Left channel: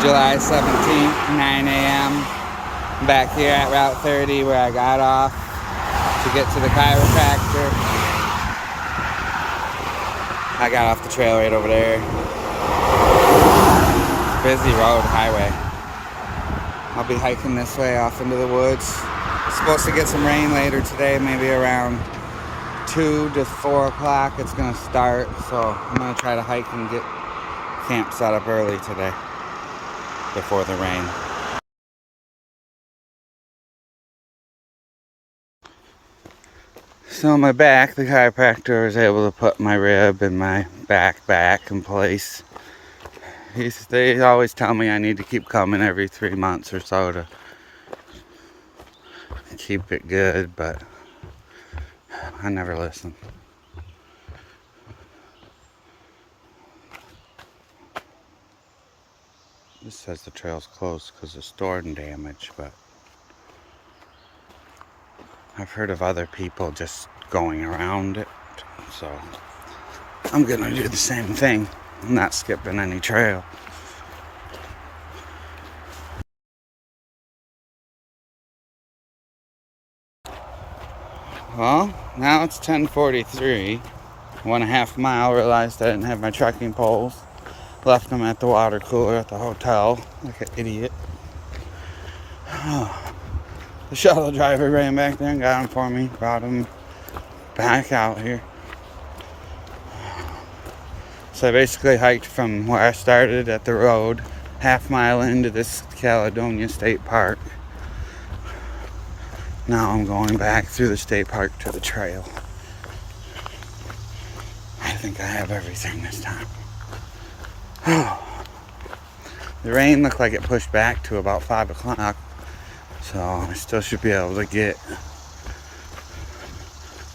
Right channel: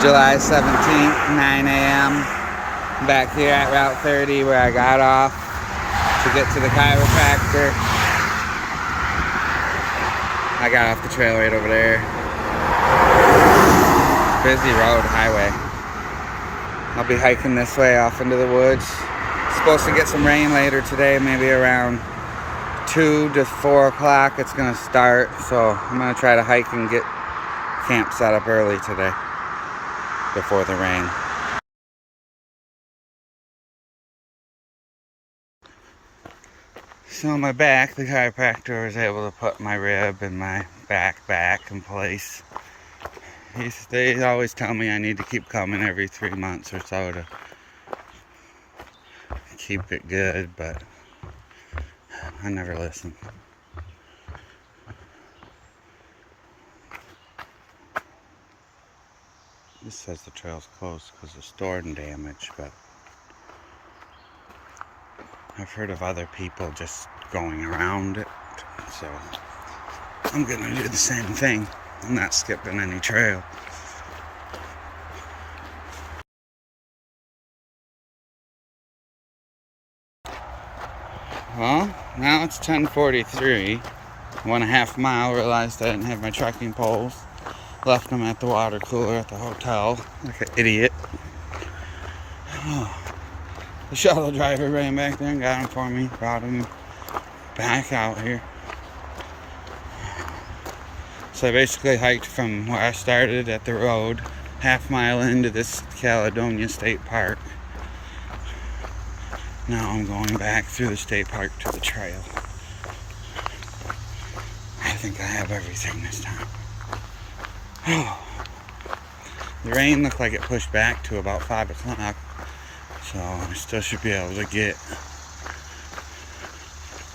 July 17th, 9 a.m. I'm back here at Route 30 where I got off to get to the chiropractor. I got off the trail right over there. Busy road, highway. I'll be hiking this way off into the woods. Supposed to get some rain later today, maybe around 2 to 4 o'clock it's gonna start. So I'm gonna try to hike and get camp set up early today before the rain. So on my back, the chiropractor was able to put my rib and my back in place. They always tell me I need to keep coming every 3 months or so to keep it good, but I never listen. This says the trail's closed because of storm damage, but I've heard of other people just going around it, so I'm gonna do the same thing. I'm not skipping any trail. Well, now it's 10:43. 1.5 mile, realized I didn't have my trekking poles. Left them at the water cooler at the hotel, like an idiot. The shuttle driver ran back there and got him for me, brought him back out here. So I basically hiked from where I started at the road, 1/2 mile into this Caledonia State Park. Now I'm going back through the state park to the trail. I think I have everything this time. The rain looked like it pushed back to about 5 o'clock, so I still should be able to get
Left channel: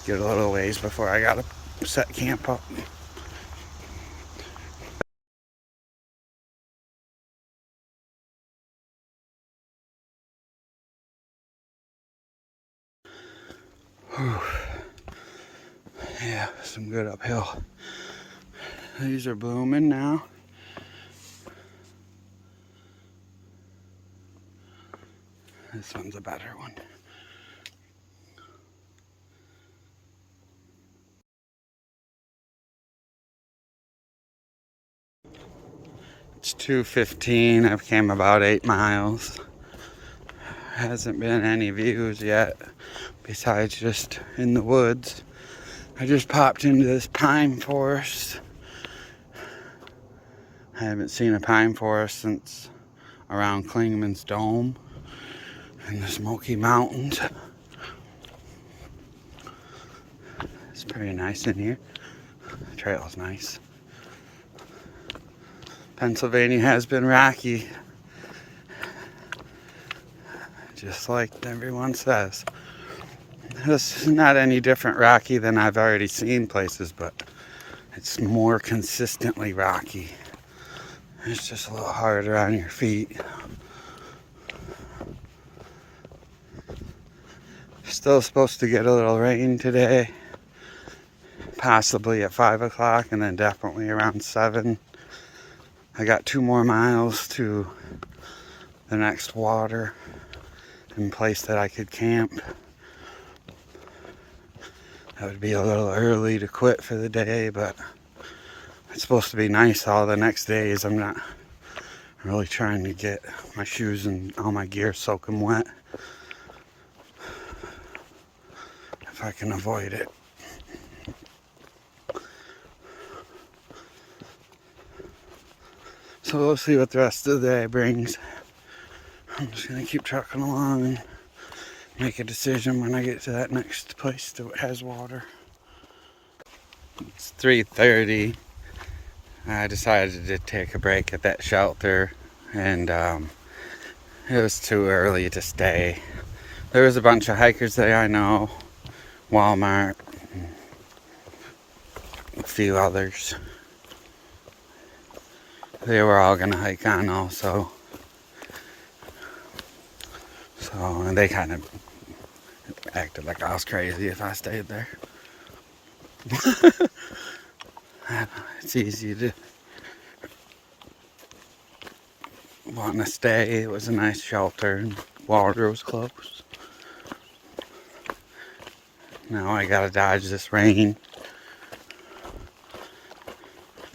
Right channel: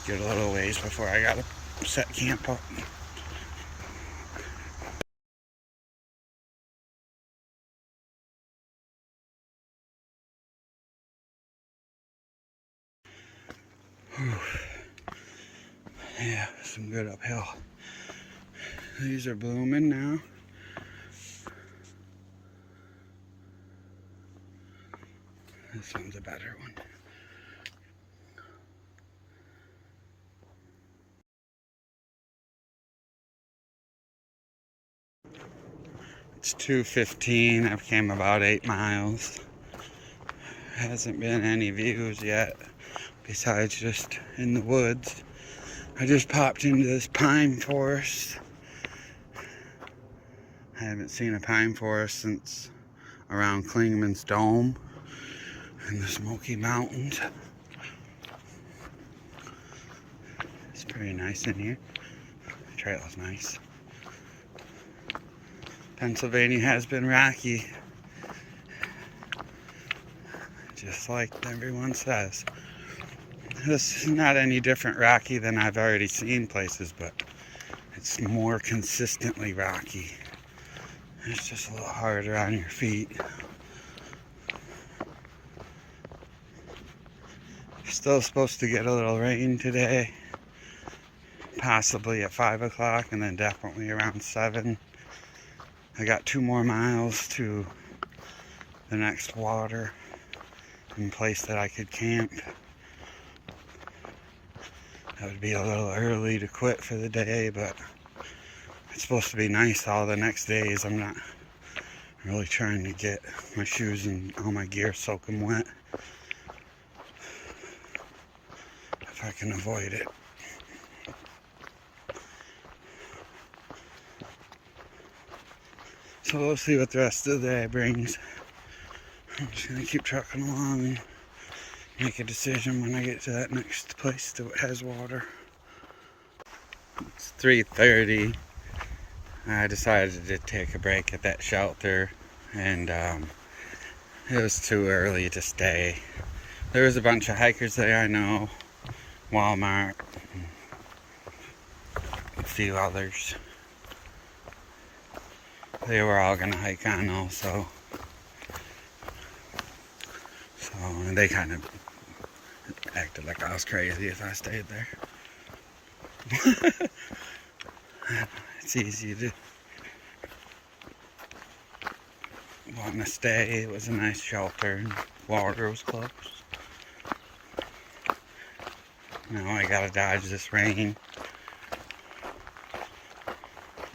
a little ways before I gotta set camp up. Whew. Yeah, some good uphill. These are blooming now. This one's a better one. It's 2:15. I've came about 8 miles. Hasn't been any views yet, besides just in the woods. I just popped into this pine forest. I haven't seen a pine forest since around Klingman's Dome in the Smoky Mountains. It's pretty nice in here. The trail is nice. Pennsylvania has been rocky, just like everyone says. It's not any different rocky than I've already seen places, but it's more consistently rocky. It's just a little harder on your feet. Still supposed to get a little rain today, possibly at 5 o'clock, and then definitely around 7. I got 2 more miles to the next water and place that I could camp. That would be a little early to quit for the day, but it's supposed to be nice all the next days. I'm not really trying to get my shoes and all my gear soaking wet if I can avoid it. So we'll see what the rest of the day brings. I'm just gonna keep trucking along and make a decision when I get to that next place that has water. It's 3:30. I decided to take a break at that shelter, and it was too early to stay. There was a bunch of hikers there I know, Walmart, and a few others. They were all gonna hike on also. And they kind of acted like I was crazy if I stayed there. It's easy to wanting to stay. It was a nice shelter and water was close. Now I gotta dodge this rain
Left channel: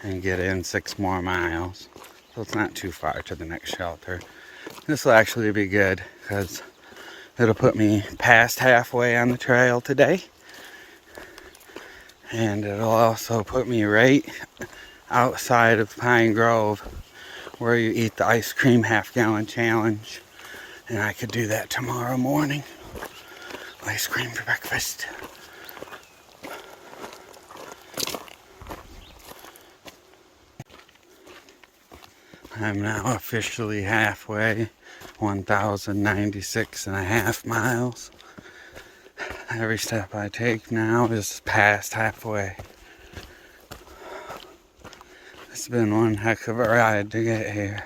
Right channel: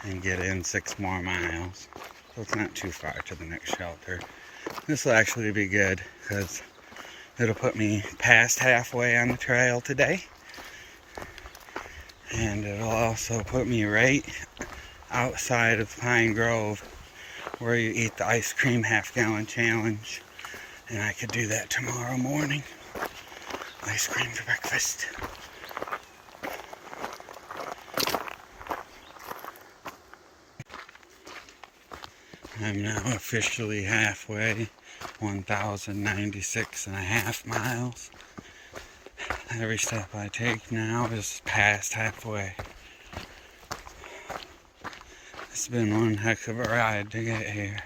and get in 6 more miles. So it's not too far to the next shelter. This will actually be good because it'll put me past halfway on the trail today. And it'll also put me right outside of Pine Grove where you eat the ice cream half-gallon challenge. And I could do that tomorrow morning. Ice cream for breakfast. I'm now officially halfway, 1,096.5 miles. Every step I take now is past halfway. It's been one heck of a ride to get here.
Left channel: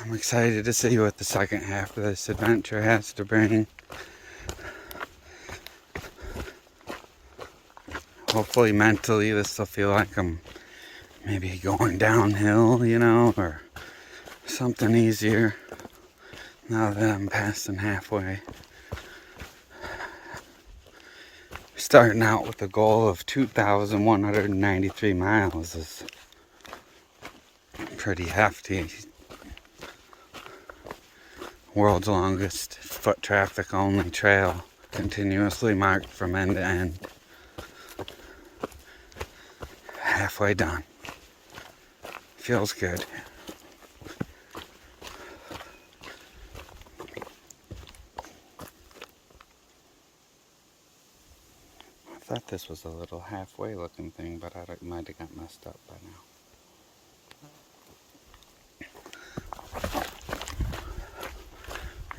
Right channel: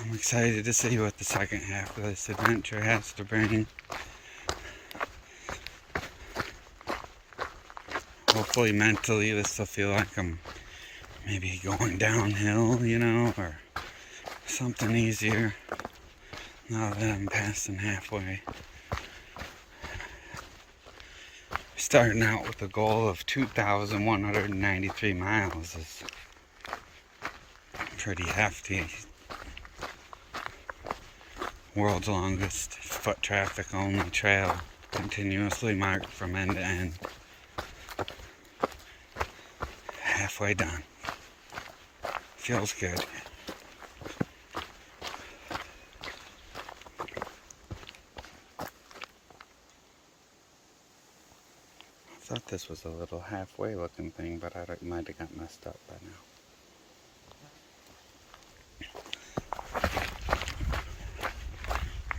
I'm excited to see what the second half of this adventure has to bring. Hopefully mentally this will feel like I'm maybe going downhill, you know, or something easier now that I'm passing halfway. Starting out with a goal of 2,193 miles is pretty hefty. World's longest foot traffic only trail, continuously marked from end to end. Halfway done. Feels good. I thought this was a little halfway looking thing, but I might have got messed up by now.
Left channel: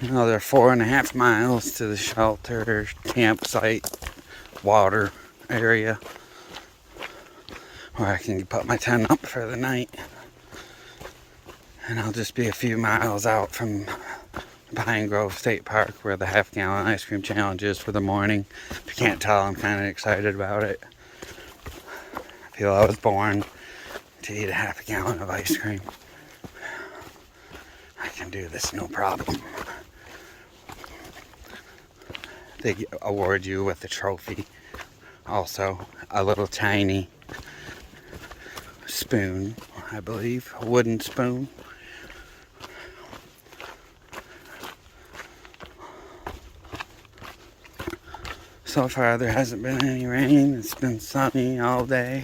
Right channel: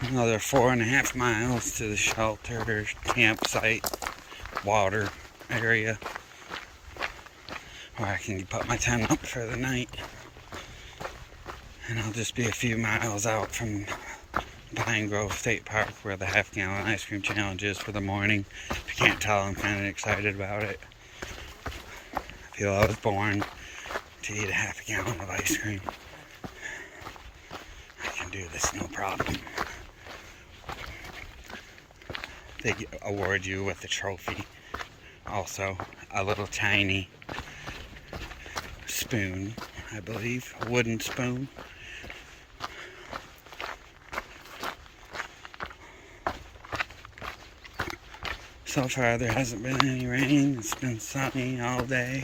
Another 4.5 miles to the shelter, campsite, water area where I can put my tent up for the night. And I'll just be a few miles out from Pine Grove State Park where the half-gallon ice cream challenge is for the morning. If you can't tell, I'm kind of excited about it. I feel I was born to eat a half-gallon of ice cream. I can do this no problem. They award you with a trophy. Also, a little tiny spoon, I believe, a wooden spoon. So far there hasn't been any rain. It's been sunny all day.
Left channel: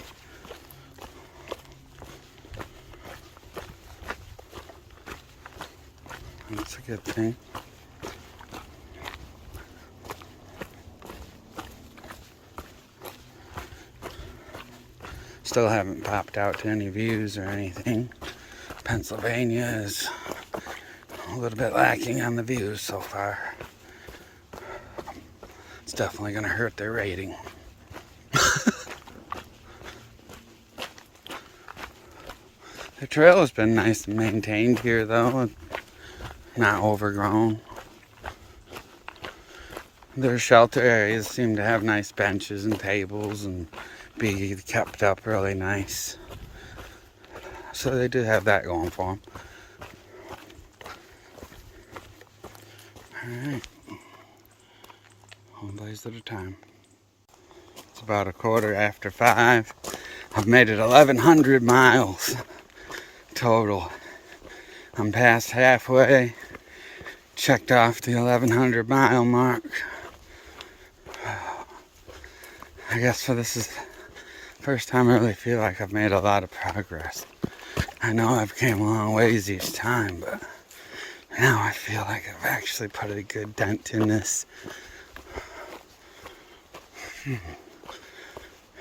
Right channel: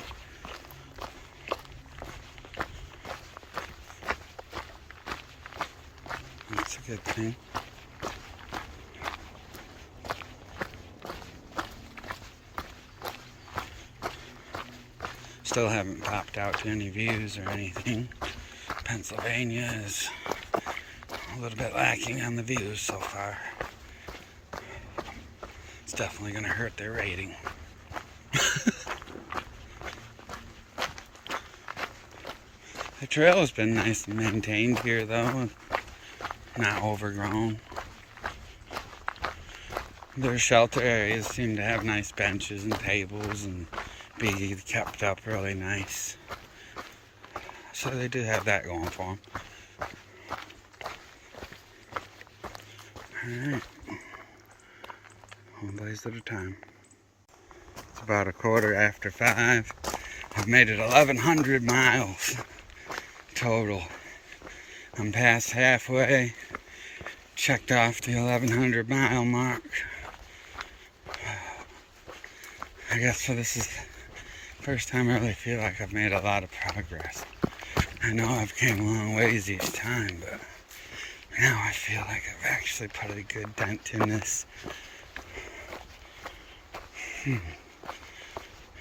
That's a good thing. Still haven't popped out to any views or anything. Pennsylvania is a little bit lacking on the views so far. It's definitely going to hurt their rating. The trail has been nice and maintained here though, not overgrown. Their shelter areas seem to have nice benches and tables and be kept up really nice. So they do have that going for them. Alright. One blaze at a time. It's about 5:15. I've made it 1,100 miles total. I'm past halfway. Checked off the 1,100 mile mark. I guess this is the first time I really feel like I've made a lot of progress. I know I've came a long ways each time, but now I feel like I've actually put a good dent in this.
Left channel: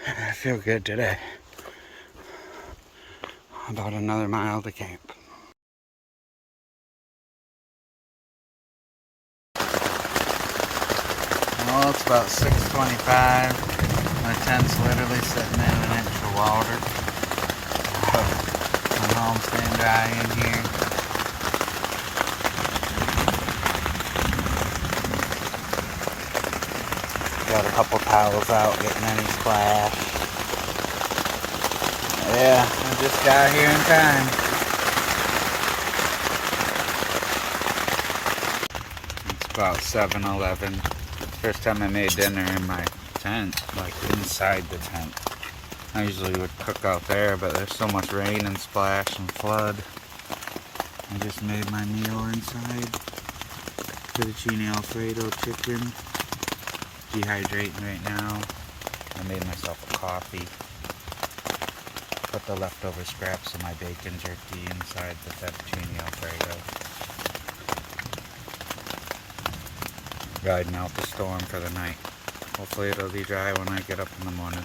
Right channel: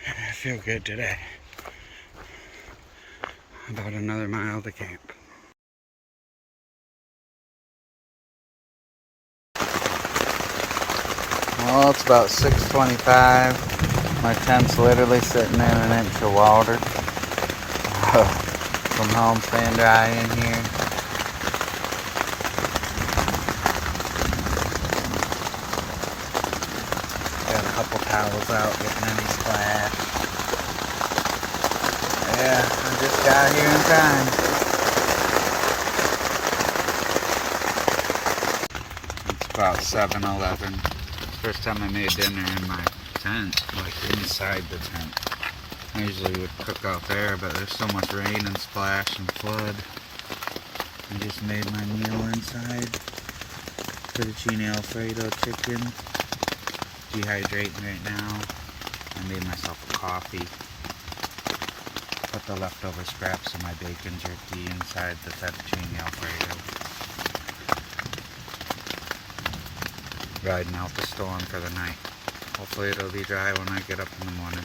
I feel good today. About another mile to camp. Well, it's about 6:25. My tent's literally sitting in an inch of water. From home, staying dry in here. Got a couple towels out, getting any splash. Yeah, I just got here in time. It's about 7:11. First time I made dinner in my tent, like inside the tent. I usually would cook out there, but there's so much rain and splash and flood. I just made my meal inside. Fettuccine Alfredo chicken. Dehydrating right now. I made myself a coffee. Put the leftover scraps of my bacon jerky inside the fettuccine Alfredo. Riding out the storm for the night. Hopefully it'll be dry when I get up in the morning.